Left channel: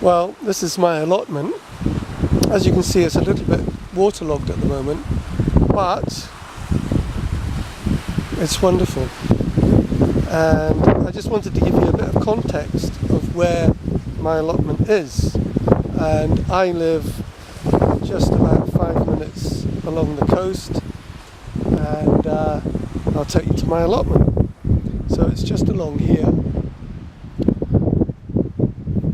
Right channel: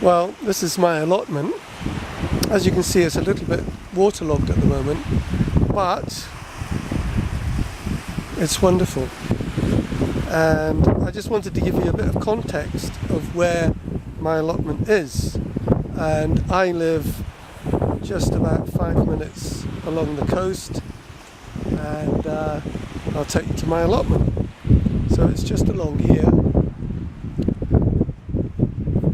Well, this is my allotment. As you can see, it's a little bit waterlogged at the moment, but it's wonderful. And I just wanted to give you a bit of context of where my allotment is. And I live just about 5 minutes along the coast, and I'll take you to my allotment. So it's just along here,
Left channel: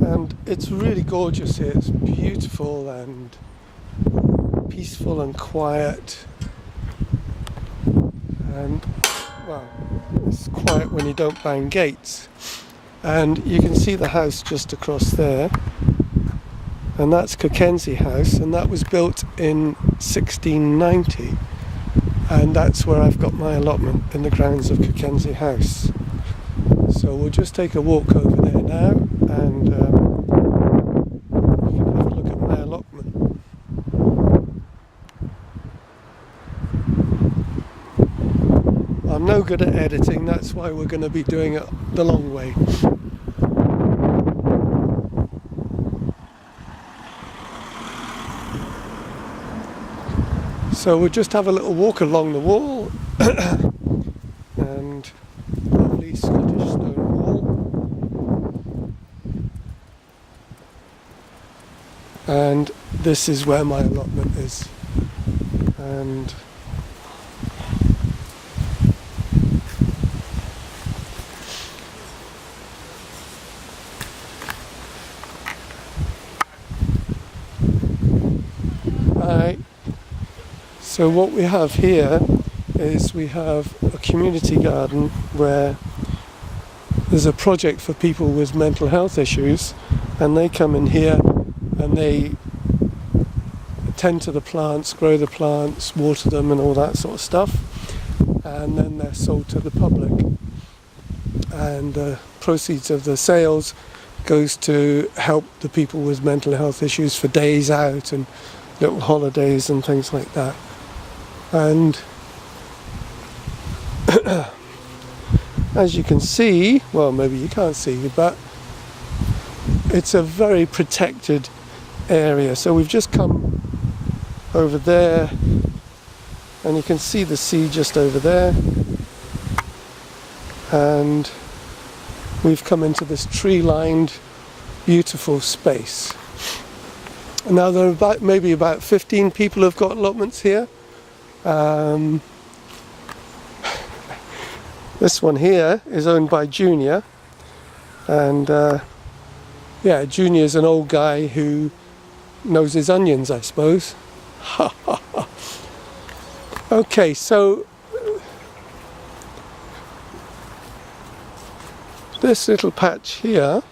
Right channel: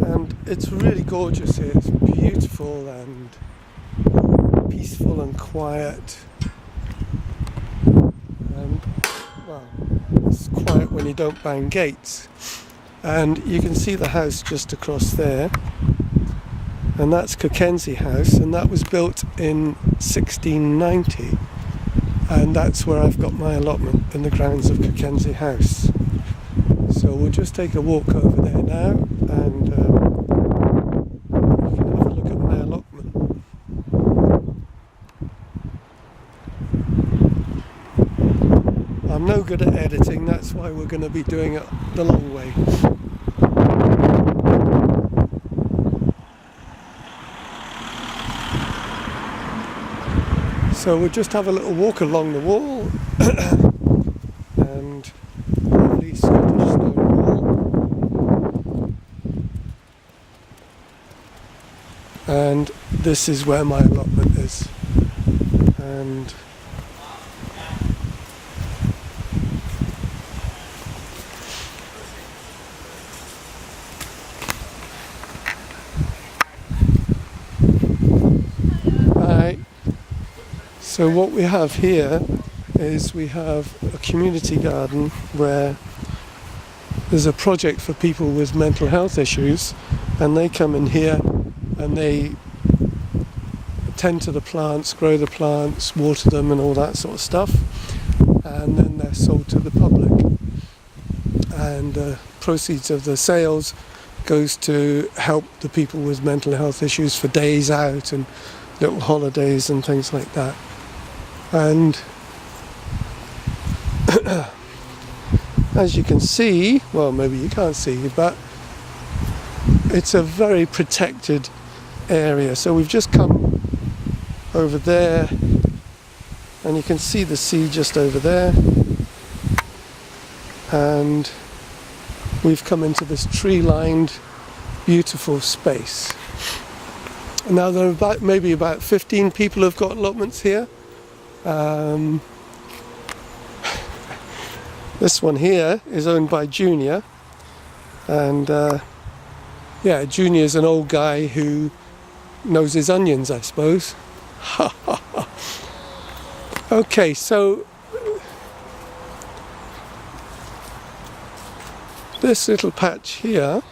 and it's really gorgeous here. It's beautiful and peaceful and quiet, and well, it's quiet when you don't bang gates. And you can see the house just across there, and that's Cockenzie House, and that was built in 1690, and that's where I've got my allotment, in the grounds of Cockenzie House. So we'll just take a walk over there now, and you can have a look at my allotment. I'm no good at editing, that's why we're going to be doing it the long way. So we'll just have a little walk along the wall, and lovely Scottish stone wall. And this is where my allotment is. And so what we have here is we have a community garden where there's a project for people with mental health issues, and they come in here and they tend to the plants, grow the plants, water them and all that sort of stuff, and then they're sold to the public, and the proceeds of the sales goes to help the people with mental health issues for days out and little holidays and things like that. And as you can see, well, maybe you can't see, but it's a very protected area. So we've just come over there, and you can see the sea just over there, and we've come into this tree-lined beautiful space. Now there are maybe about 15 people who've got allotments here. This one here is owned by Junior, and yeah, Junior's an old guy who knows his onions, I suppose. Okay, so this little patch here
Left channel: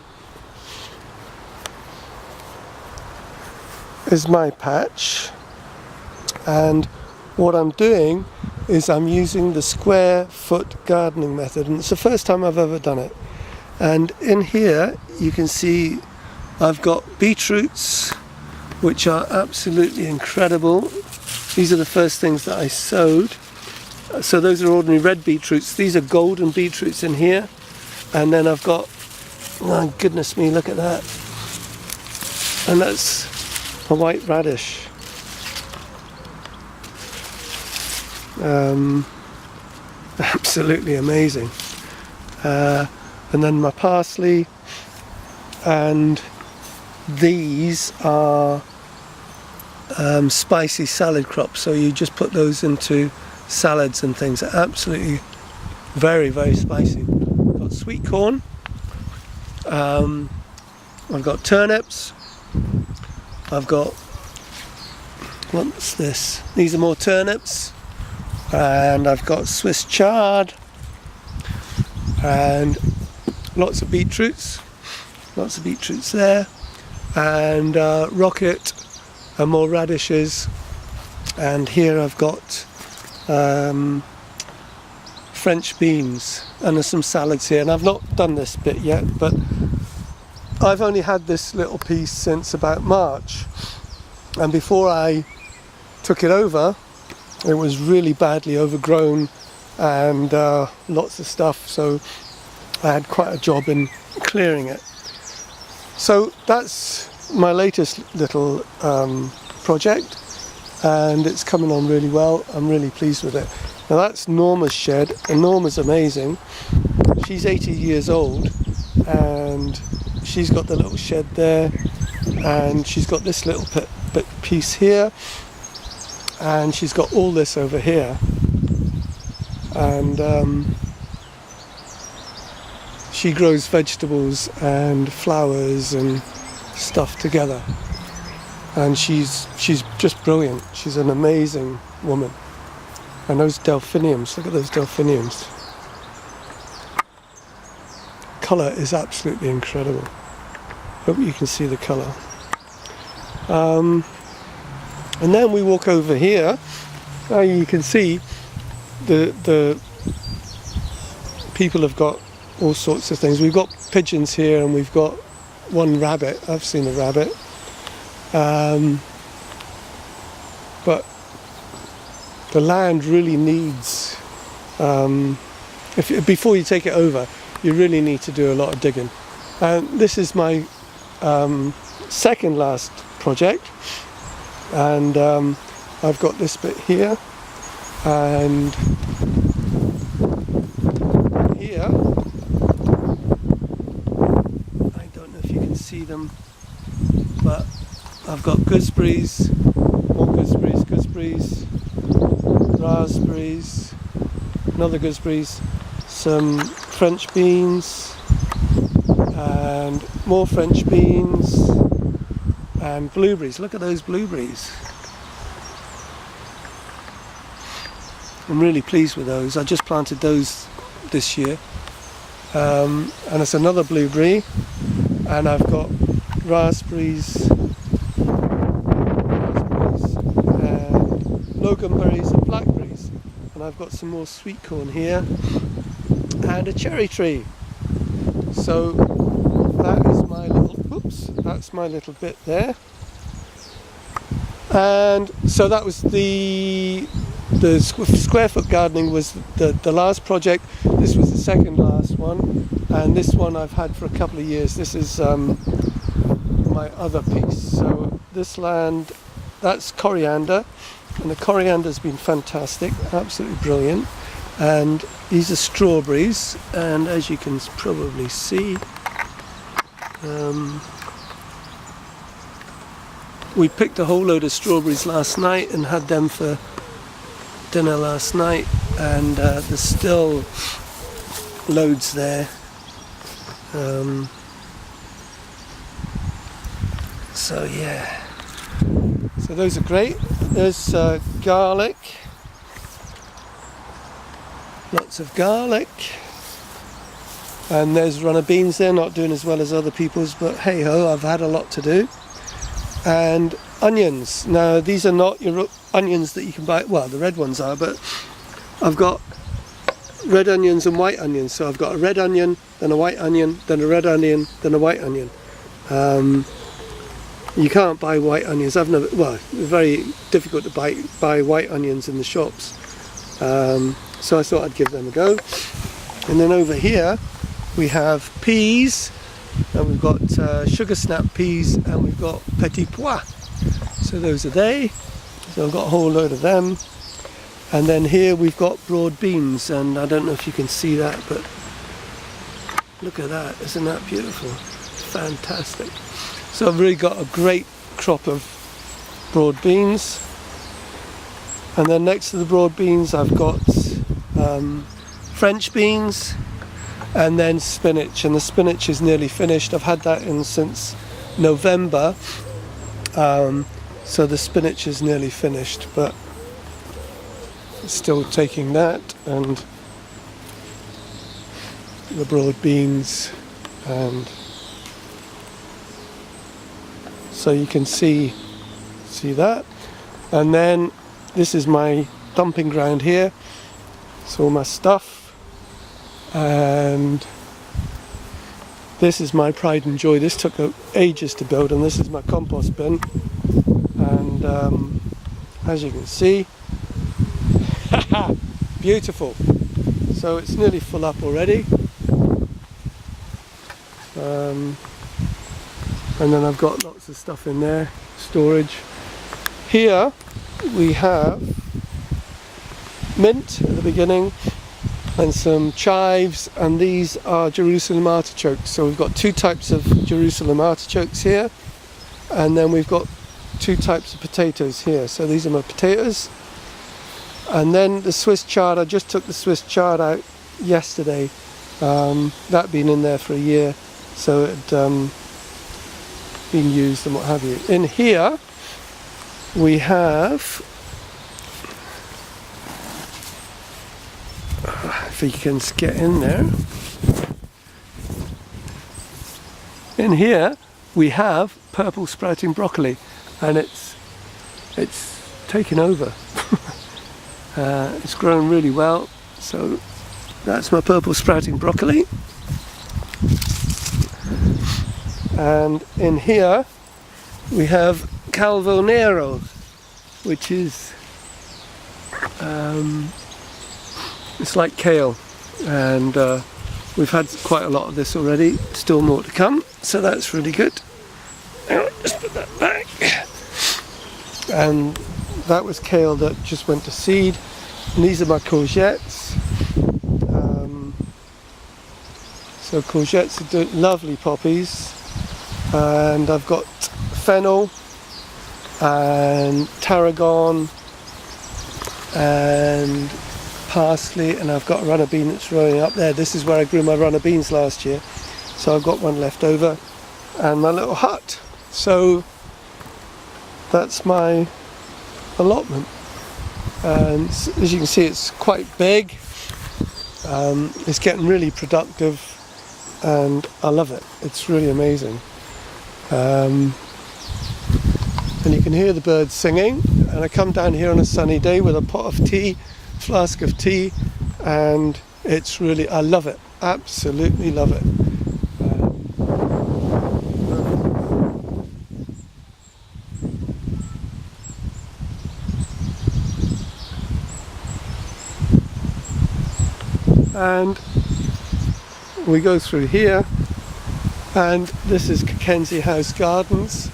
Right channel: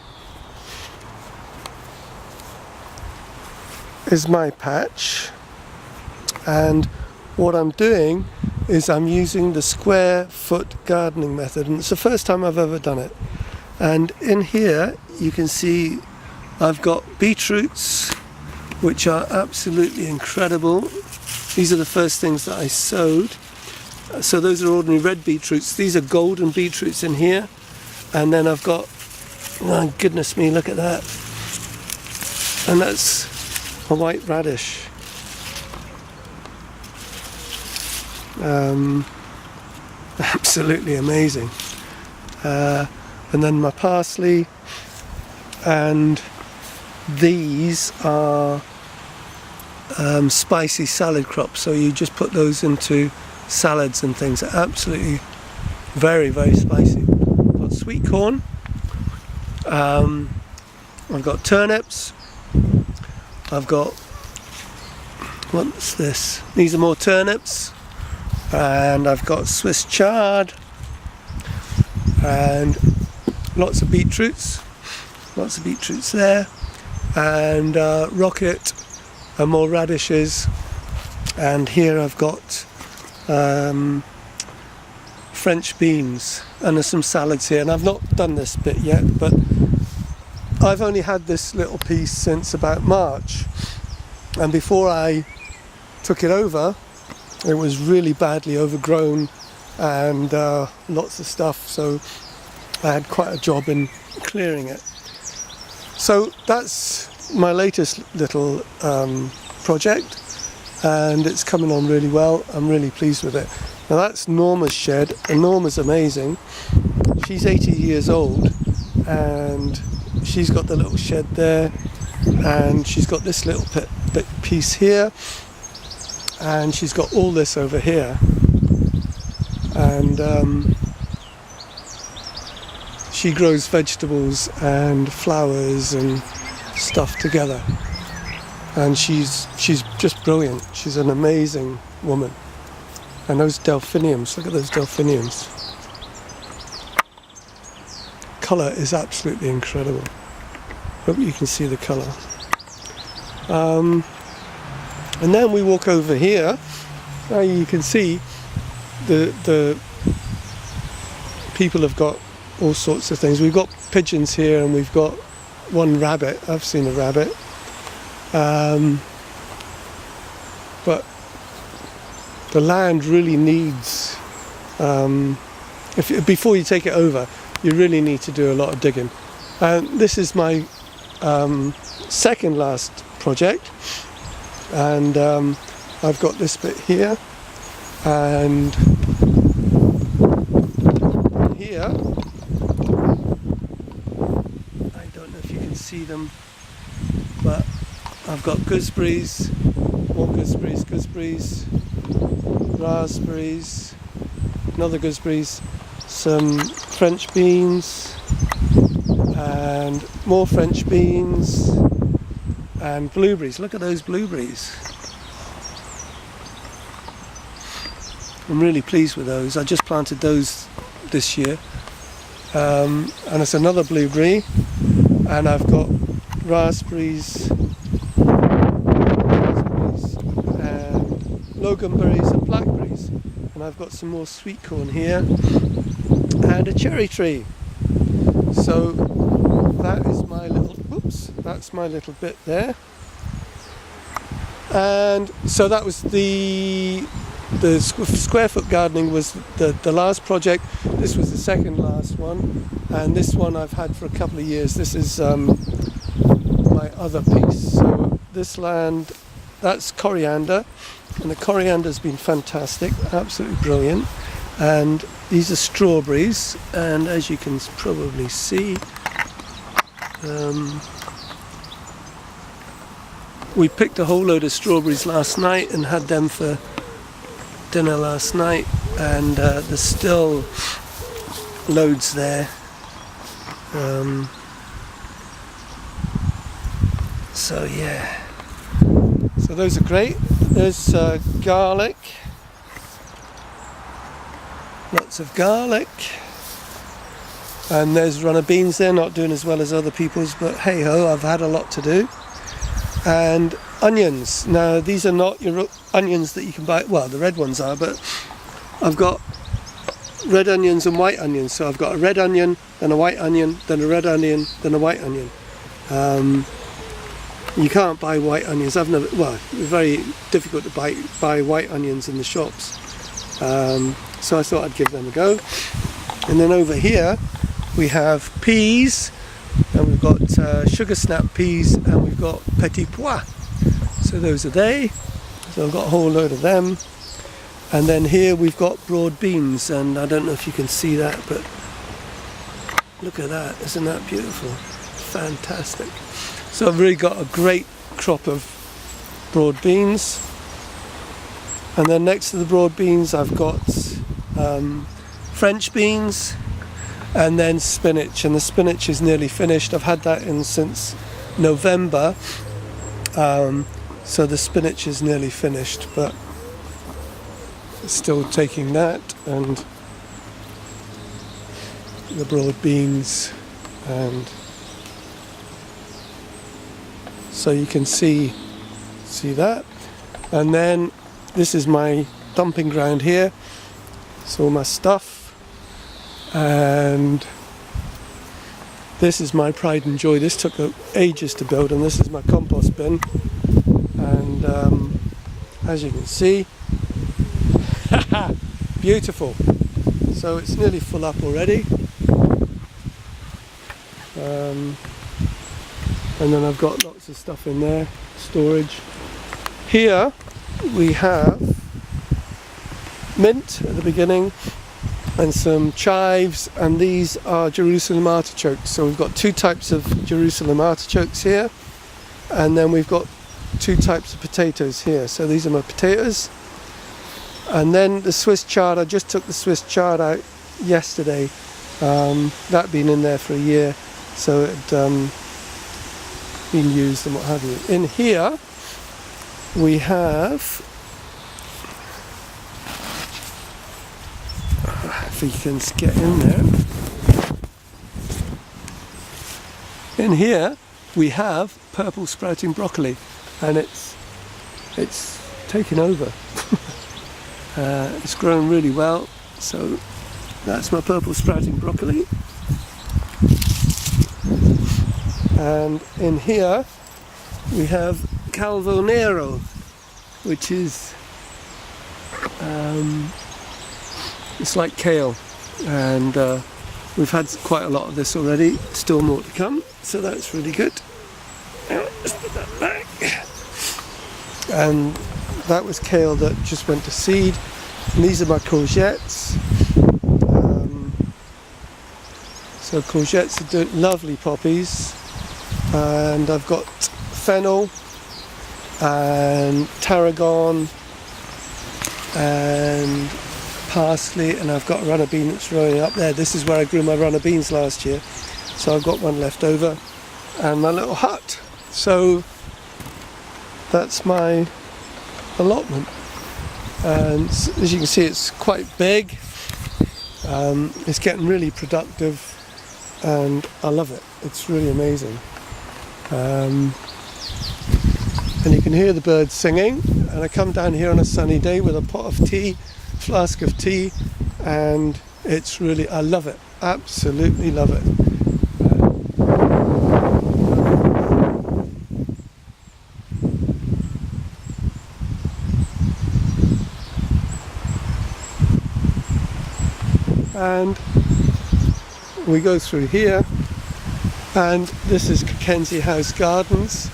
is my patch, and what I'm doing is I'm using the square foot gardening method, and it's the first time I've ever done it. And in here you can see I've got beetroots, which are absolutely incredible. These are the first things that I sowed. So those are ordinary red beetroots. These are golden beetroots in here. And then I've got, oh goodness me, look at that. And that's a white radish. Absolutely amazing. And then my parsley, and these are spicy salad crops, so you just put those into salads and things. They're absolutely very, very spicy. I've got sweet corn, I've got turnips, I've got, what's this? These are more turnips, and I've got Swiss chard, and lots of beetroots there, and rocket, and more radishes, and here I've got French beans, and there's some salads here, and I've not done this bit yet, but I've only had this little piece since about March, and before I took it over it was really badly overgrown and lots of stuff, so I had quite a job in clearing it. So that's my latest little project, and it's coming on really well. I'm really pleased with it. Now that's Norma's shed, and Norma's amazing. She's 80 years old, and she's got the little shed there, and she's got this little bit piece here, and she's got all this over here, and she grows vegetables and flowers and stuff together, and she's just brilliant. She's an amazing woman. And those delphiniums, look at those delphiniums. Colour is absolutely incredible. Hope you can see the colour. And then we walk over here. Now you can see the people have got all sorts of things. We've got pigeons here, and we've got one rabbit. I've seen a rabbit. But the land really needs, before you take it over, you really need to do a lot of digging. And this is my second last project, and I've got this bit here, and here, I don't know if you can see them, but I've got gooseberries, more gooseberries, raspberries, another gooseberries, some French beans, and more French beans, and blueberries. Look at those blueberries. I'm really pleased with those. I just planted those this year, and it's another blueberry, and I've got raspberries and loganberries and blackberries, and I've got some more sweet corn here and a cherry tree. So that is my little, that's my little bit there. And so that was the square foot gardening was the last project. This was the second last one, and this one I've had for a couple of years. This is my other piece. So this land, that's coriander, and the coriander's been fantastic, absolutely brilliant. And these are strawberries, and as you can probably see, we picked a whole load of strawberries last night and had them for dinner last night, and there's still loads there. So yeah, so those are great. There's garlic, lots of garlic, and there's runner beans. They're not doing as well as other people's, but hey ho, I've had a lot to do. And onions. Now these are not your onions that you can buy, well the red ones are, but I've got red onions and white onions. So I've got a red onion, then a white onion, then a red onion, then a white onion. You can't buy white onions. I've never, well, it's very difficult to buy white onions in the shops. So I thought I'd give them a go. And then over here we have peas, and we've got sugar snap peas, and we've got petit pois. So those are they. So I've got a whole load of them. And then here we've got broad beans, and I don't know if you can see that, but look at that. Isn't that beautiful? Fantastic. So I've really got a great crop of broad beans. And then next to the broad beans I've got French beans, and then spinach, and the spinach is nearly finished. I've had that in since November, so the spinach is nearly finished, but still taking that, and the broad beans, and so you can see that. And then this is my dumping ground here. It's all my stuff. And this is my pride and joy. This took ages to build, and this is my compost bin. And as you can see, beautiful. So it's nearly full up already. and then I've got lots of stuff in there, storage. Here we have mint at the beginning and some chives, and these are Jerusalem artichokes. So we've got two types of Jerusalem artichokes here, and then we've got two types of potatoes here. So these are my potatoes. And then the Swiss chard, I just took the Swiss chard out yesterday. That'd been in there for a year, so it been used and what have you. In here we have, if you can get in there, in here we have purple sprouting broccoli, and it's taken over. It's grown really well, so that's my purple sprouting broccoli. And in here we have Calvo Nero, which is it's like kale, and we've had quite a lot of this already, still more to come, so that's really good. Now, just put that back. And that was kale that just went to seed, and these are my courgettes. So courgettes are lovely poppies, and I've got fennel and tarragon and parsley, and I've got a runner bean that's growing up there. This is where I grew my runner beans last year, so I've got one left over, and my little hut. So that's my allotment, and as you can see, it's quite big. It's getting really productive, and I love it. It's really amazing. And you can hear the birds singing, and I come down here on a sunny day with a pot of tea, flask of tea, and it's really, I love it, absolutely love it. And we go through here, and this is Cockenzie House Gardens,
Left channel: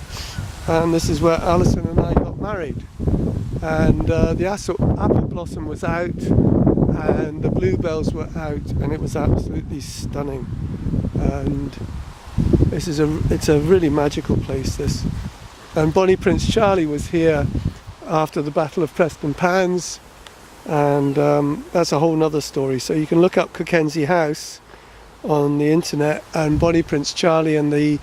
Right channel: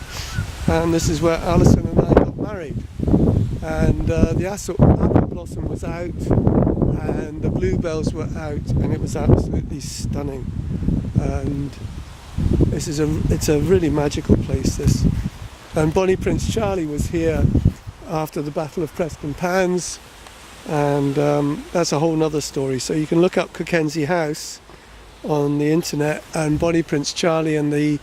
and this is where Alison and I got married. And the apple blossom was out, and the bluebells were out, and it was absolutely stunning. And it's a really magical place, this. And Bonnie Prince Charlie was here after the Battle of Preston Pans, and that's a whole nother story. So you can look up Cockenzie House on the internet and Bonnie Prince Charlie and the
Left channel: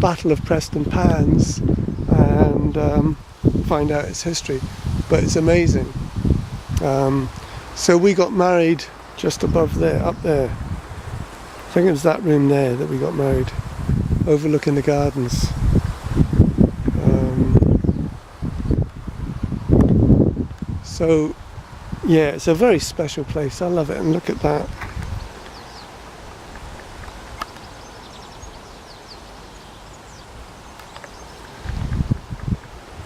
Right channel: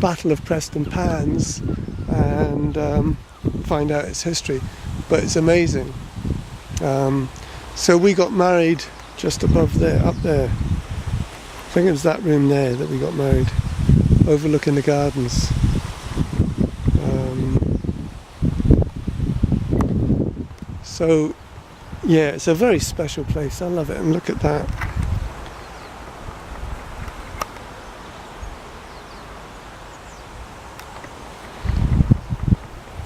Battle of Preston Pans, and find out its history. But it's amazing. So we got married just above there, up there. I think it was that room there that we got married, overlooking the gardens. So yeah, it's a very special place. I love it, and look at that.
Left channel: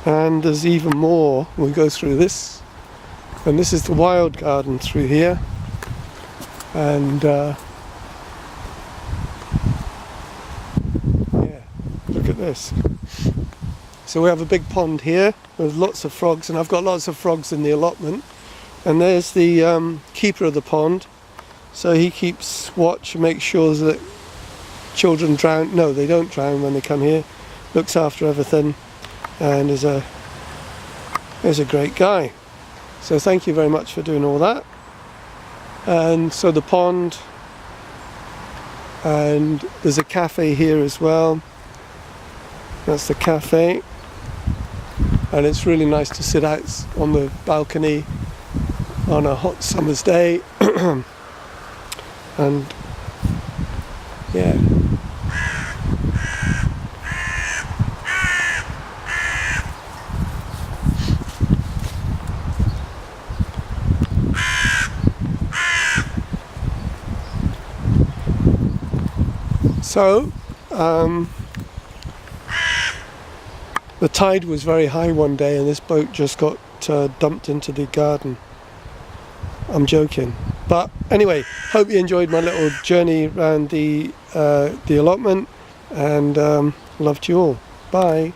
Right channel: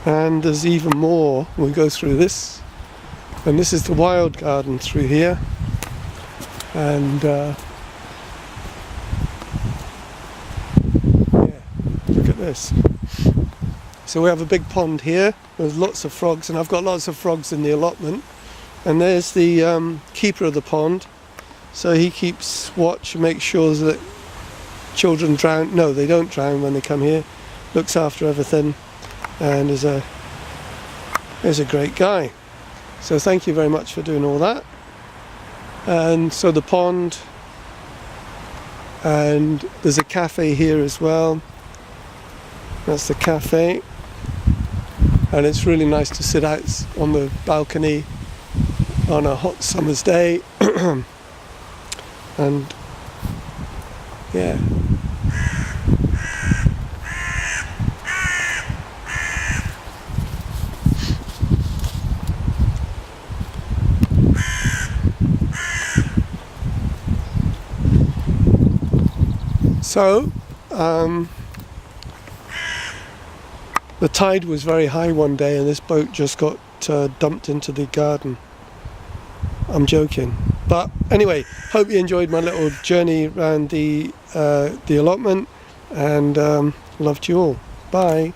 And there's even more. We go through this, and this is the wild garden through here, and yeah, look at this. So we have a big pond here with lots of frogs, and I've got lots of frogs in the allotment. And there's the keeper of the pond, so he keeps watch and makes sure that children drown. No, they don't drown when they come here. Looks after everything, and is a great guy. So thank you very much for doing all that. And so the pond, and there's a cafe here as well. That's the cafe, and it's really nice to sit out on the balcony on a hot summer's day. And yeah, so the tide was very high one day, and this boat just got dumped into the garden. I'm joking, but anyway, hope you enjoyed my little journey around the the allotment, and love to you all. Bye.